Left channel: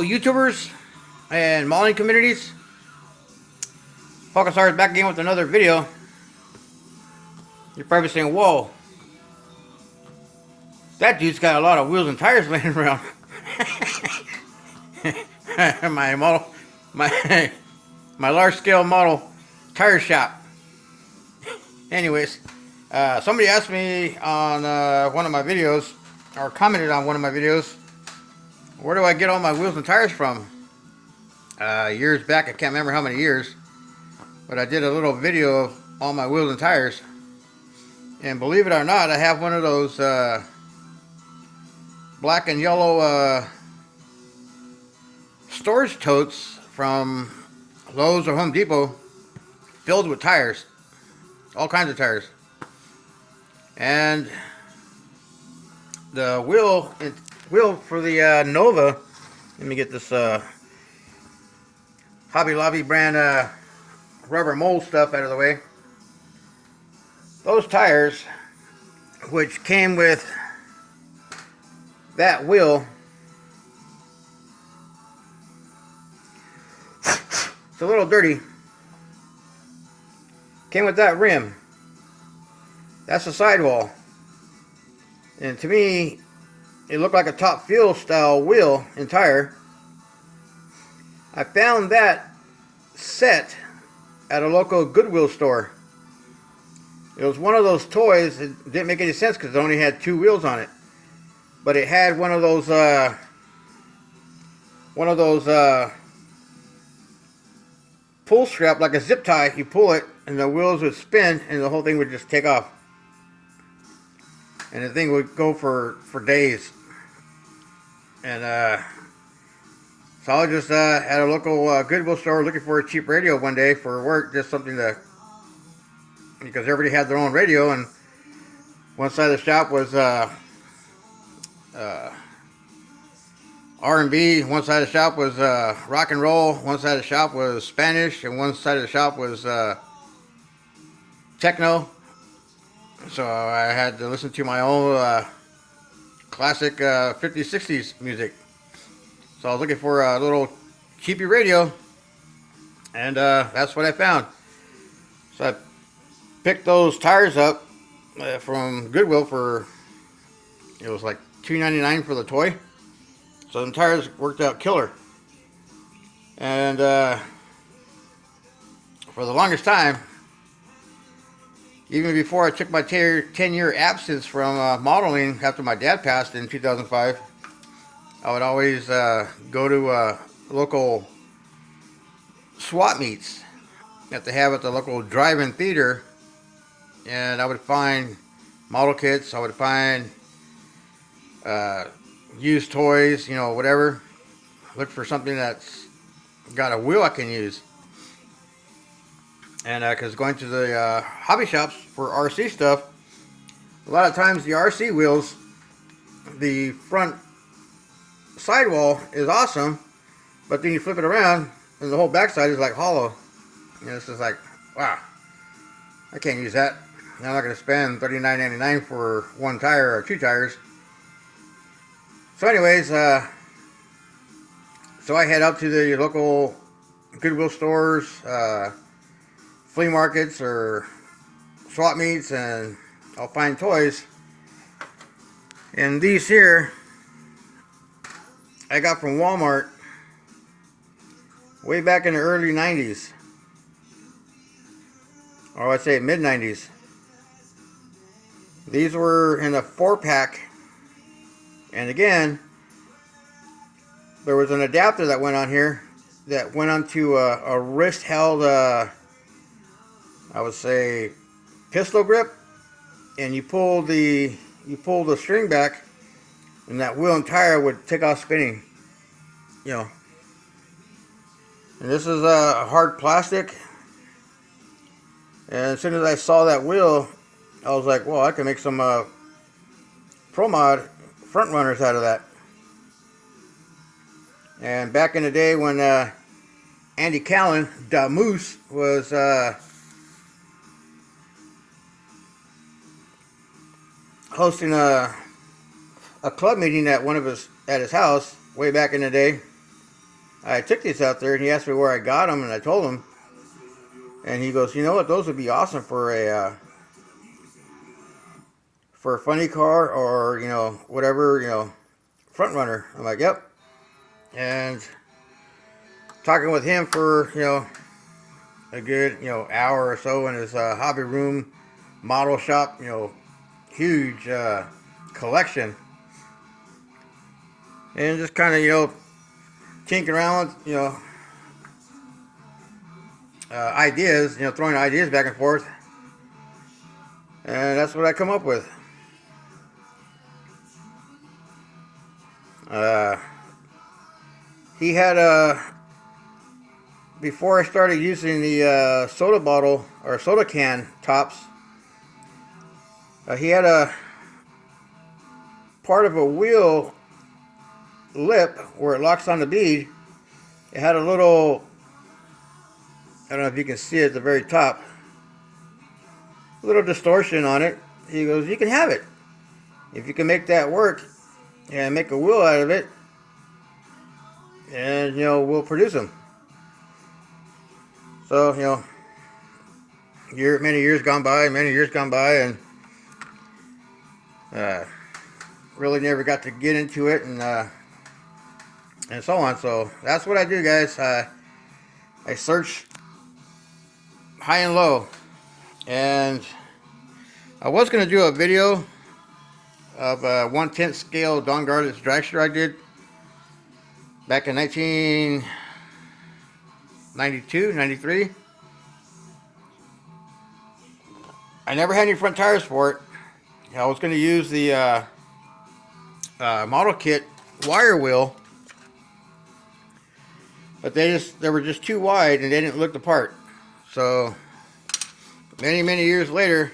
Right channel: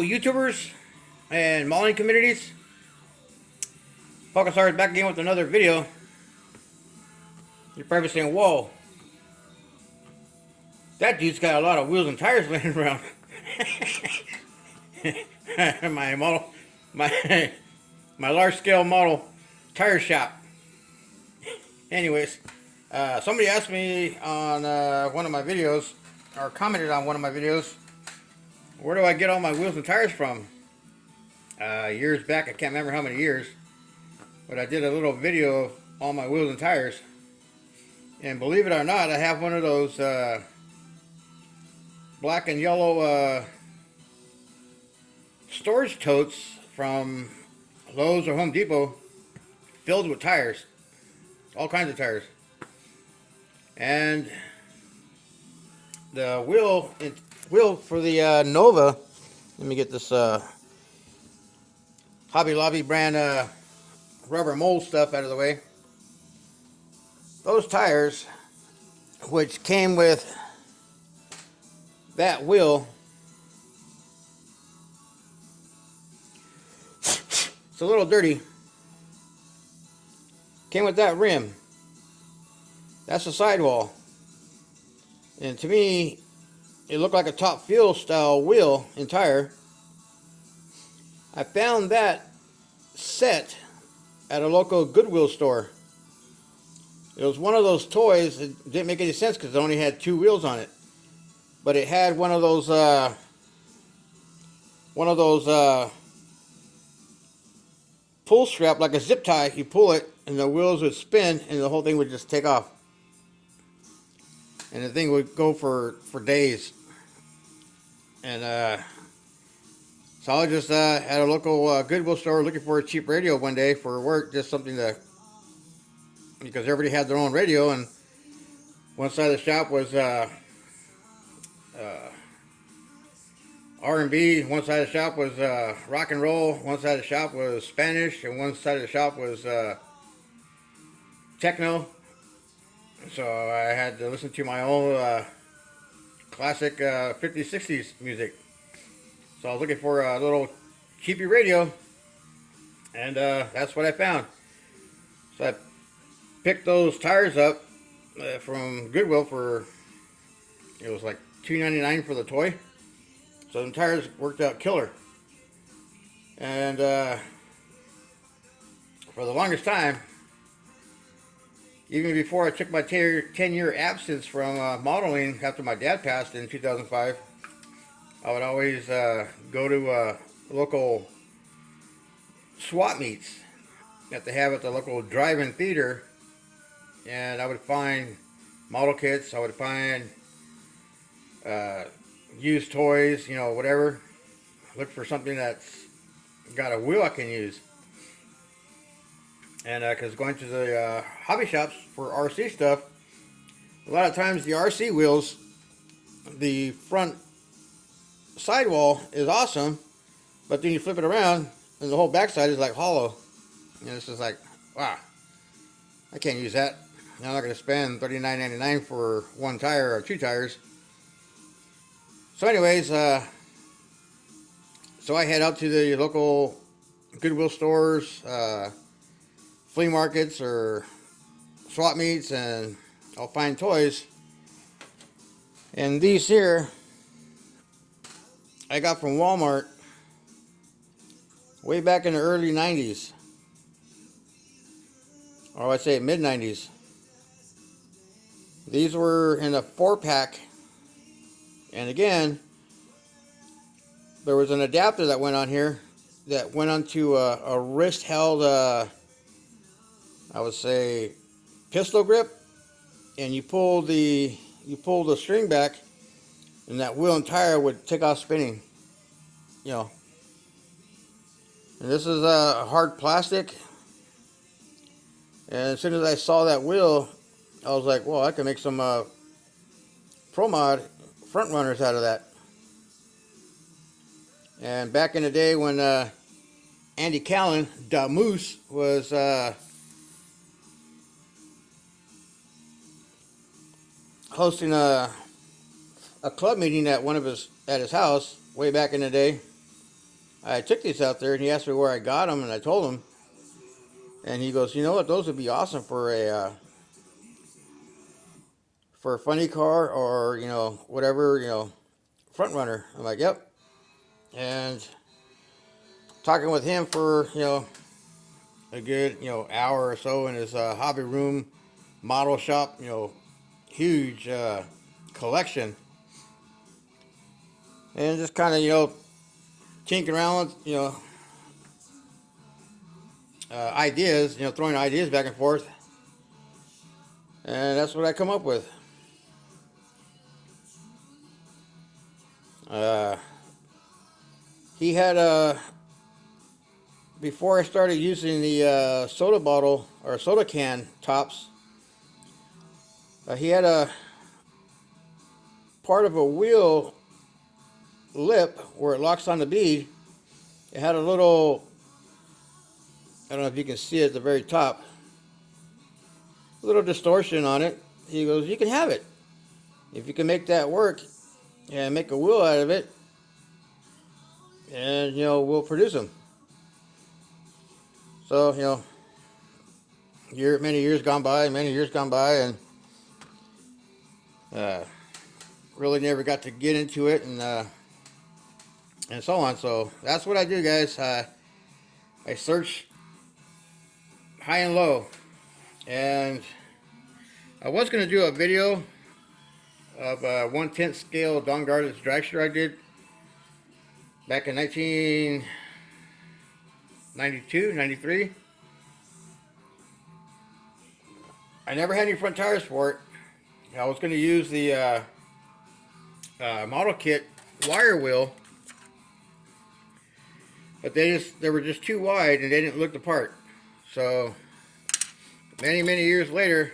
Hello, YouTubers and modeling communities. Falconstar is back again with another video. You're probably saying, whoa, that dude's got a lot of wheels and tires laying around. my model, my large scale model tire shop. Anyways, somebody asked me on one of my videos, or commented on one of my videos, where do I get all my wheels and tires from? Years back, I can't remember how many years, but I did a little video of all my wheels and tires. And believe it or not, I have one of those black and yellow storage totes from Lowe's or Home Depot filled with tires, all kinds of tires. And the wheel for the Nova, let me get this Hobby Lobby brand rubber mold stuff out of the way. Those tires, which came with that wheel, it's a little dirty, came with that rim. That's the sidewall. And to me, it looked like a Top Fuel style wheel and tire. I found that set at a local Goodwill store. It was one of those toys. It didn't make any sense because it only had two wheels on it, but it had one of those pull strap, like a zip tie. You pull it and the wheels would spin and the whole thing would just take off, and the thing would go for days. And so I was just at a local Goodwill store looking for a cheap radio one day for work, just something to, because everybody had their own radio, and one side of the shop was R&B, one side of the shop was rock and roll, one side of the shop was Spanish, and one side of the shop was techno. So I had to listen to my own classic 50s, 60s music. So I was looking for a little cheapy radio, and that's what I found. So I picked those tires up from Goodwill for, it was like $2.99 for the toy. So the tires worked out killer. And for the longest time, even before I took my 10-year absence from modeling after my dad passed in 2005, I would always go to local swap meets that they have at the local drive-in theater, and I would find model kits, I would find used toys, you know, whatever. Look for something that's got a wheel I can use. And because going to the hobby shops for RC stuff, a lot of times the RC wheels, the front sidewall is awesome, but then you flip it around and the whole backside is like hollow. And it's just like, wow, I can't use that. I'm not going to spend $39.99 for one tire or two tires. So anyways, so I head out to the local Goodwill stores, flea markets, or swap meets, and I'll find toys. And these here I got from Walmart way back in the early 90s, or I'd say mid 90s. These were in a 4-pack, and again, there was an adapter that went on here that went onto a wrist held, I would say, pistol grip, and you pull the string back, and that wheel and tire would take off spinning, you know. And this is a hard plastic, and as soon as I saw that wheel, I was like, well, I can make some Pro Mod front runners out of that. And back in the day when Andy Callen, Da Moose, was hosting a club meeting at his house way back in the day, I took these out there, and he asked me where I got them, and I told him, and he goes, you know what, those would be awesome for a funny car, or whatever, front runner. I'm like, yep. And talking with him for a good hour or so in his hobby room model shop, huge collection, and just kind of tinkering around, ideas, throwing ideas back and forth, and that's what I come up with. He had before I started using the soda bottle or soda can tops, he had a part of a wheel lip where it locks on the bead. It had a little, I don't know if you can see it at the very top, little distortion on it. He goes, you can have it if you can make that work and make a wheel out of it, and we'll produce them. So many years gone by, and really never got to get into it, and so on. So that's what I do, guys. I search high and low, and I was going to do a video of a 1/10 scale Don Garlits dragster I did back in 1992, 93. I never had any front tires for it. I was going to use the model kit wire wheel, but they were just too wide and they didn't look the part. So many years later,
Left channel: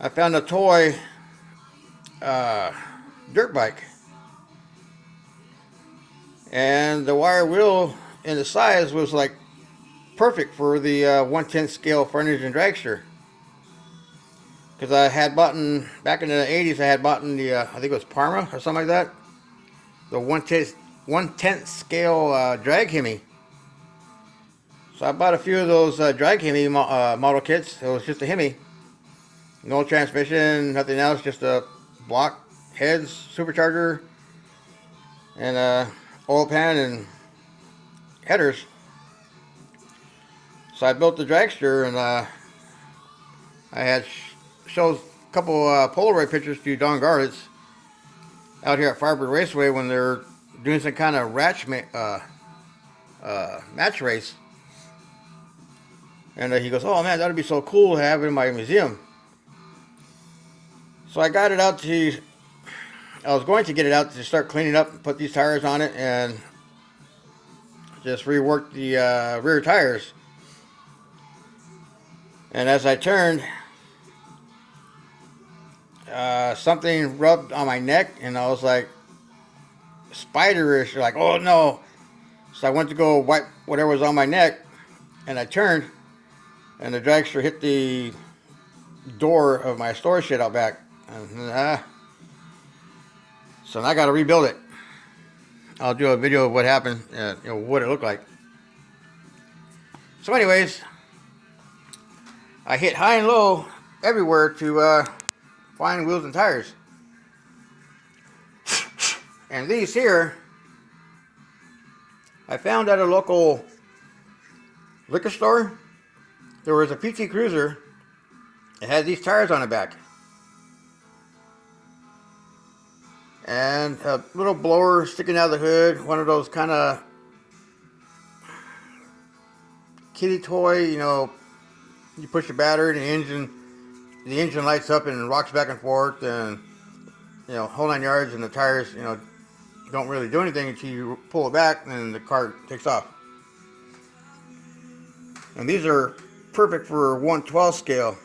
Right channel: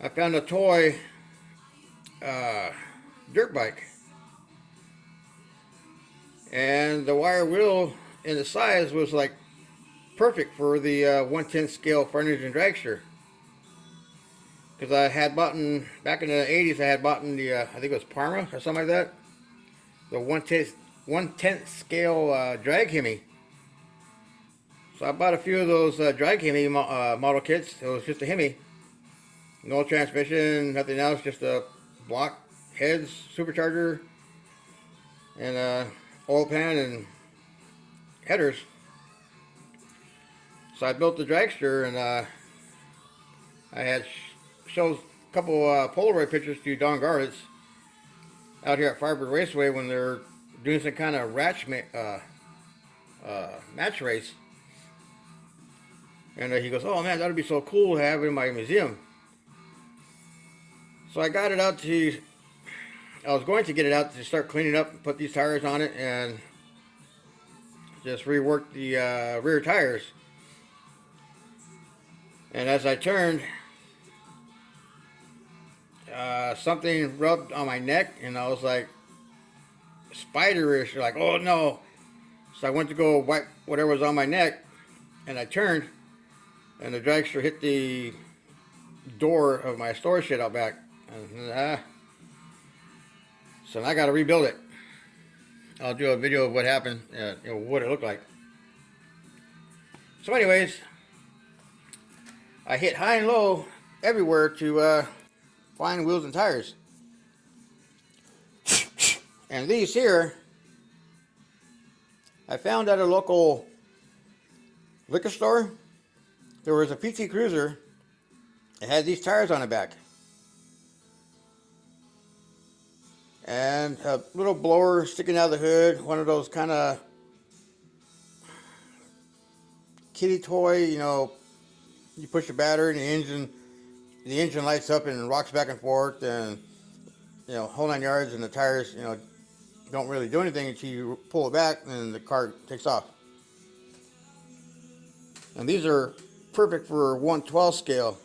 I found a toy dirt bike, and the wire wheel and the size was like perfect for the 1/10 scale frontage and dragster. Because I had bought back in the 80s, I had bought the I think it was Parma or something like that, the 1/10 scale drag Hemi. So I bought a few of those drag Hemi model kits. It was just a Hemi, no transmission, nothing else, just a block heads, supercharger, and oil pan and headers. So I built the dragster, and I had showed a couple Polaroid pictures to Don Garlits out here at Firebird Raceway when they're doing some kind of match race. And he goes, oh man, that'd be so cool to have in my museum. So I got it out I was going to get it out to start cleaning up and put these tires on it and just rework the rear tires. And as I turned, something rubbed on my neck, and I was like, spiderish, like, oh no. So I went to go wipe whatever was on my neck, and I turned, and the dragster hit the door of my storage shed out back. And, so now I got to rebuild it. I'll do a video of what happened, what it looked like. So anyways, I hit high and low everywhere to find wheels and tires. And these here, I found at a local liquor store. There was a PT Cruiser. It had these tires on the back. And a little blower sticking out of the hood, one of those kind of kiddie toy, you push the battery and the engine lights up and rocks back and forth, and whole 9 yards, and the tires, don't really do anything until you pull it back and the car takes off. And these are perfect for 1/12 scale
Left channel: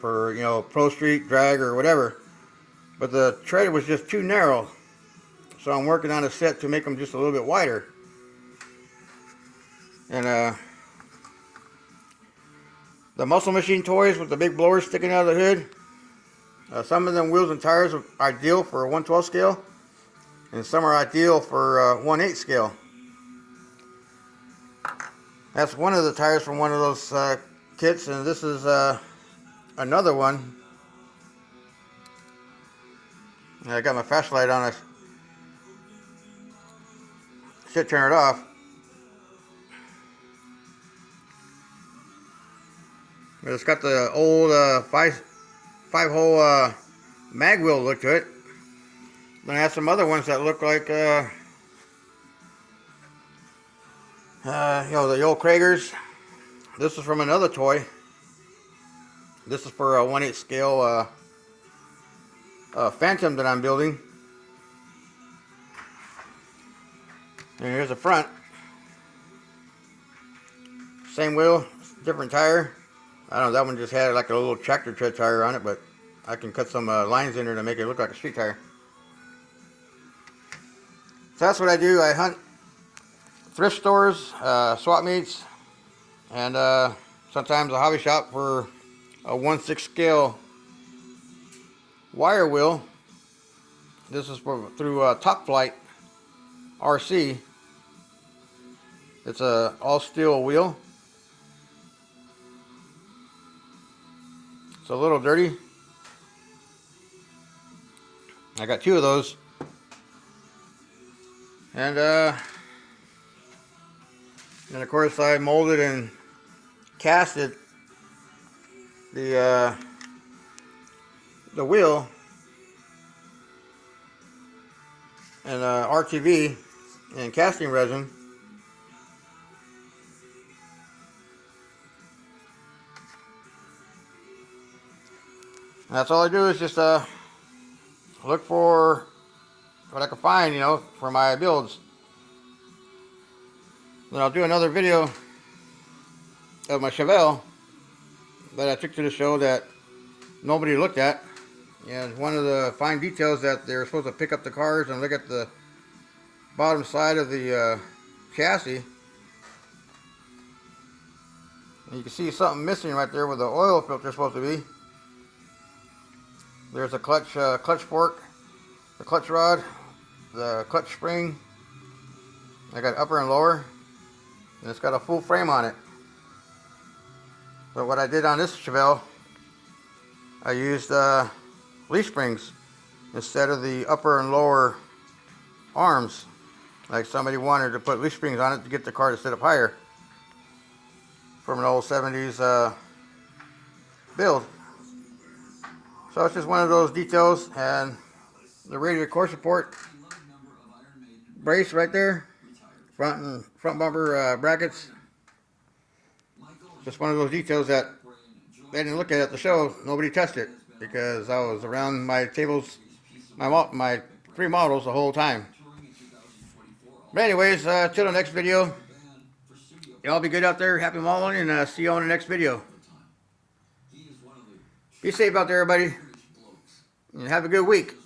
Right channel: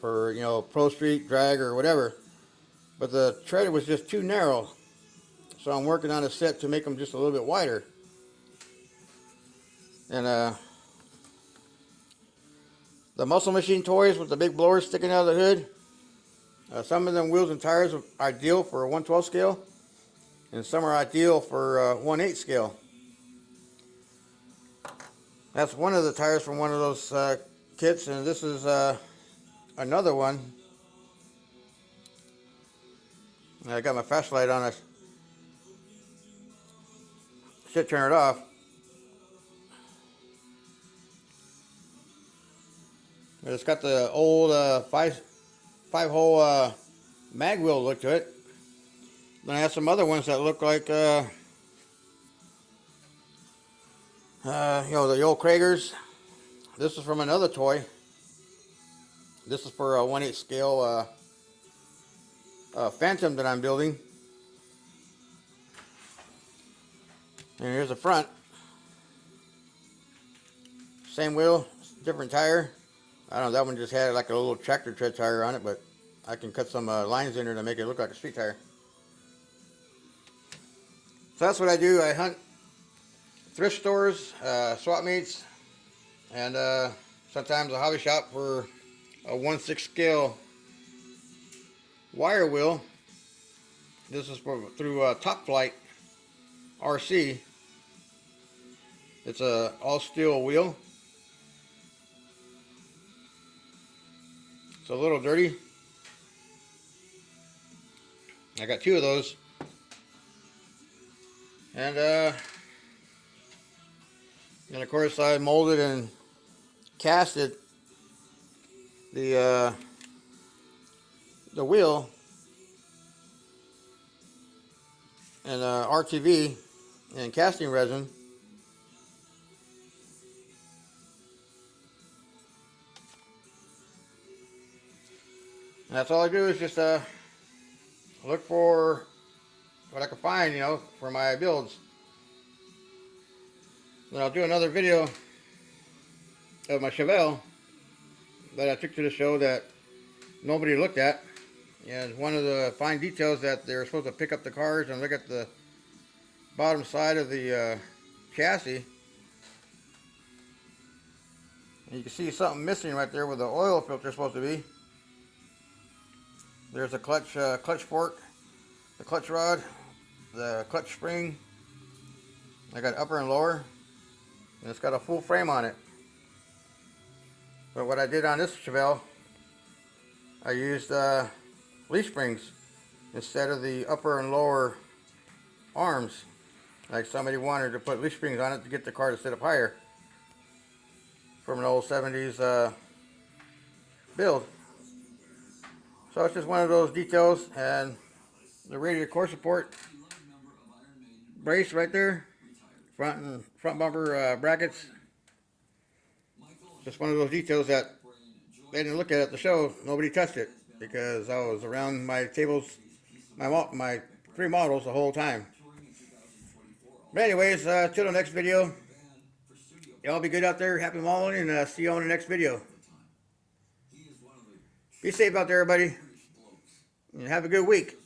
for pro street, drag, or whatever. But the tread was just too narrow, so I'm working on a set to make them just a little bit wider. And the Muscle Machine toys with the big blowers sticking out of the hood, some of them wheels and tires are ideal for a 1/12 scale. and some are ideal for 1/8 scale. That's one of the tires from one of those kits, and this is another one. I got my flashlight on. I should turn it off. But it's got the old five-hole mag wheel look to it. And I have some other ones that look like you know, the old Kragers. This is from another toy. This is for a 1/8 scale Phantom that I'm building. And here's the front. Same wheel, different tire. I don't know, that one just had like a little tractor tread tire on it, but I can cut some lines in there to make it look like a street tire. So that's what I do. I hunt thrift stores, swap meets, and sometimes a hobby shop for a 1/6 scale wire wheel. This is through Top Flight RC. It's a all steel wheel. It's a little dirty. I got 2 of those. And of course I molded and casted the wheel and RTV and casting resin. And that's all I do is just look for what I can find, you know, for my builds. Then I'll do another video of my Chevelle that I took to the show that nobody looked at. And one of the fine details that they're supposed to pick up the cars and look at the bottom side of the chassis. And you can see something missing right there where the oil filter is supposed to be. There's a clutch fork, the clutch rod, the clutch spring. I got upper and lower, and it's got a full frame on it. But what I did on this Chevelle, I used leaf springs instead of the upper and lower arms. Like somebody wanted to put leaf springs on it to get the car to sit up higher from an old 70s build. So it's just one of those details. And the radiator core support brace right there, front bumper brackets. Just one of those details that they didn't look at the show. Nobody touched it because I was around my tables, my 3 models the whole time. But anyways, till the next video, y'all be good out there. Happy modeling, and see you on the next video. Be safe out there, everybody, and have a good week.